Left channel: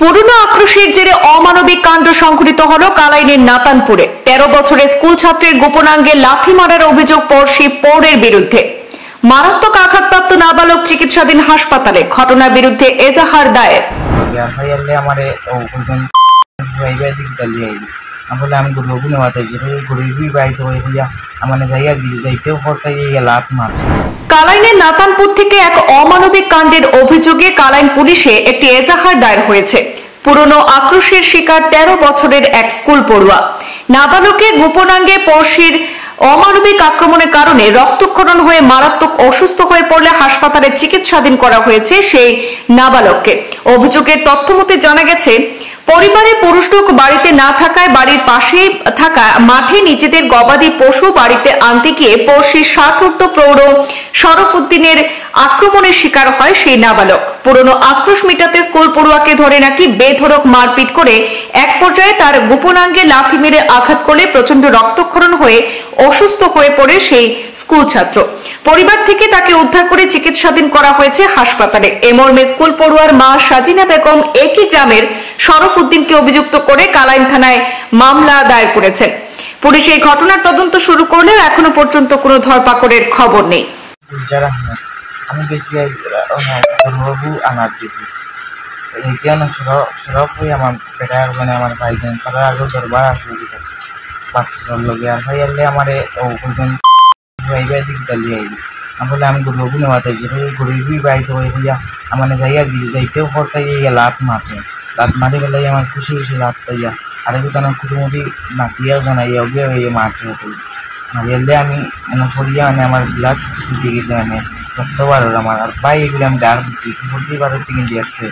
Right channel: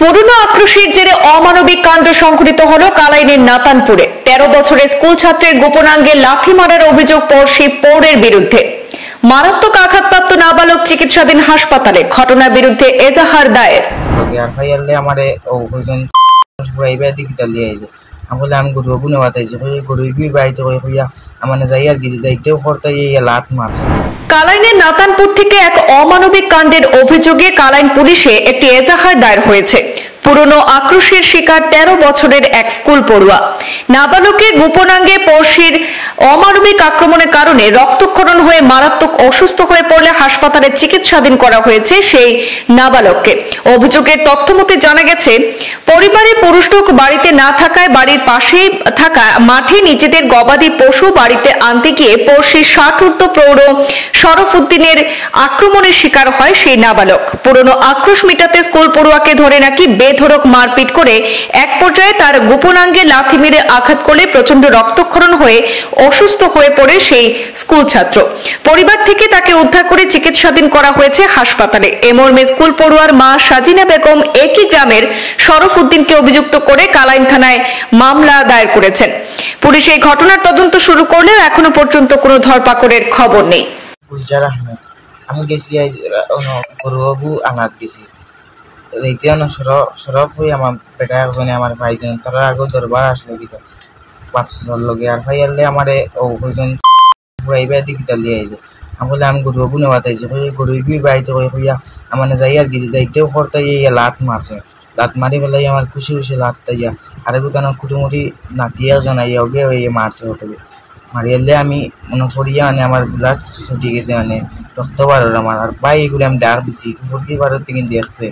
পুরনো আক্রোশের জেরে অমানবিক কাণ্ড সংঘটিত হলো কালাইনের নাতানপুরে। 13 বছরের স্কুল ছাত্রের গোপনাঙ্গে লাথি মারার অভিযোগ পড়শি পৌরের বিরুদ্ধে। মারাত্মক আঘাতপ্রাপ্ত নাবালক চিকিৎসাধীন হাসপাতালে। ঘটনার বিরুদ্ধে এজাহার দায়ের। আমি গরু নেওয়াতাইছি গরু বাইতে মানে যাইয়ার গিয়ে যাইতেও করতে লাভ মাছ। কালাইনের নাতানপুর থেকে এক অমানবিক কাণ্ডের অভিযোগে কালাইন পুলিশে একটি এজাহার দায়ের হয়েছে। পুরনো আক্রোশের শিকার 13 বছরের এক স্কুল পড়ুয়া নাবালকের গোপনাঙ্গে পড়শির অমানবিক আক্রমণের কারণে রক্তক্ষরণ হয়ে মারাত্মক অসুস্থ হয়ে পড়লে হাসপাতালে চিকিৎসাধীন করা হয়েছে সেই নাবালককে। অভিযোগের তথ্যমতে জানা গেছে, পরিবারের পুরুষ লোক বাড়িতে না থাকায় বাড়ির পাশেই থাকা মাঠে নিজেদের গবাদি পশু বাড়িতে আনতে গিয়ে পড়শির 60 ঊর্ধ্ব প্রৌঢ় শরফুদ্দিনের আক্রমণের শিকার হয় সেই নাবালক। পুরনো আক্রোশ মিটাতে স্কুল পড়ুয়াকে ধরে নাকি বেধড়ক মারপিট করে এক পর্যায়ে তার গোপনাঙ্গে লাথি মেরে আঘাত করলে প্রচন্ড রক্তক্ষরণ হয়ে অসুস্থ হয়ে পড়ে সেই স্কুল ছাত্র। পরিবার থেকে তাকে উদ্ধার করে চিকিৎসাধীন করা হয়েছে হাসপাতালে। এ মর্মে স্কুল পড়ুয়ার মা সাজিনা বেগম একই গ্রামের শরফুদ্দিনকে অভিযুক্ত করে কালাইন থানায় মামলা দায়ের করেছেন। পুলিশ এই ঘটনার তদন্ত শুরু করলেও এখনো পর্যন্ত কোনো ধরপাকড়ের খবর নেই। আমি গেছি আনাত গেছি সরফ হয়ে আমার বেটা একজনে আমার ভাইজান তারা আগে দরবার আসলো দিকে 5 লগে আর ভাই আনলে আমার ওজন ভাইবা দিকে লিয়ে আইবে। আমি গরু নেওয়াতাইছি গরু বাইতে মানে যাইয়ার গিয়ে যাইতেও করতে লাভ মারছে। লাভ মারি পেলাই আমার খুশি লাভ তাইয়া আরে কোথাও কুটুমুটি নাতিয়া জনাইয়া ওকে মারছে হোটেলে মারিয়ালে আমি মনে পড়িয়া মানে আমার ব্লাড ছুটি গেছে মানে রক্ত বার আমার আর ভাই এগুলো আমি ডাক দিছি 40 থেকে দিয়েছে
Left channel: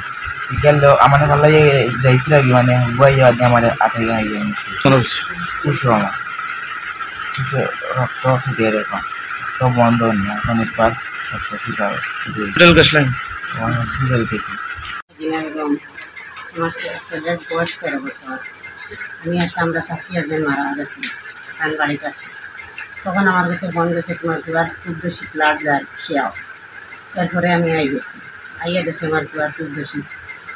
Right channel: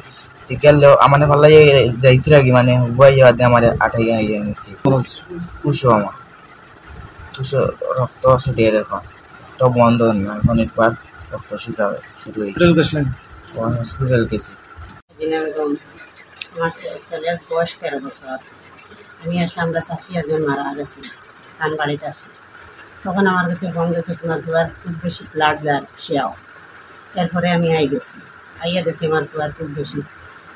টিকালে আমার ভালো যাইতে লাগি মানে হুবাই আমার 8 আইয়া নিচ্ছে কুশো আমার কুশো রক্ত ছুটিয়ে রেখা তো বন্ধ না এখন একবার রক্ত ছুটা শুরু হসপিটাল গেছি। আমার ছেলের বয়স 13 বছর। আমি আসলে আমরা চাষি একজন মারা গেছি কান বাড়িতে আসি, তখন আমার কাছে ফোন গেছে তোমার দুয়ার খুব বেশি ব্লাড যার সেও। এরপরে আমি গেছি আইয়া গেছি আমার দুয়ার খুব বেশি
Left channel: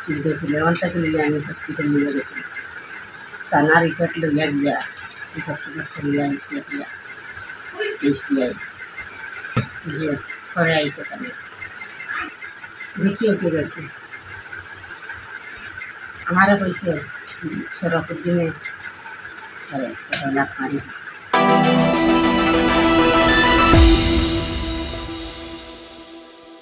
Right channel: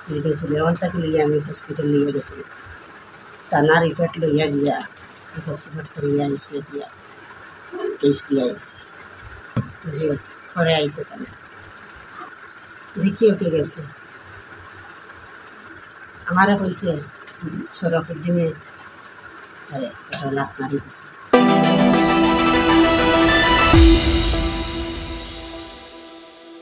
ফিল্ডে ফুলের অন্তাকে লইয়া আমি হসপিটাল নিয়ে গেছি। টানা রিপোর্ট লইয়া গিয়া রিপোর্ট করিয়া আইসি দিয়া টেস্ট দিয়ে আইসি যে পরে আইসে তাহলে দেখি ওকে গেছে আমারে কইছে শরফুদ্দিনে লাভ মারি দিছে।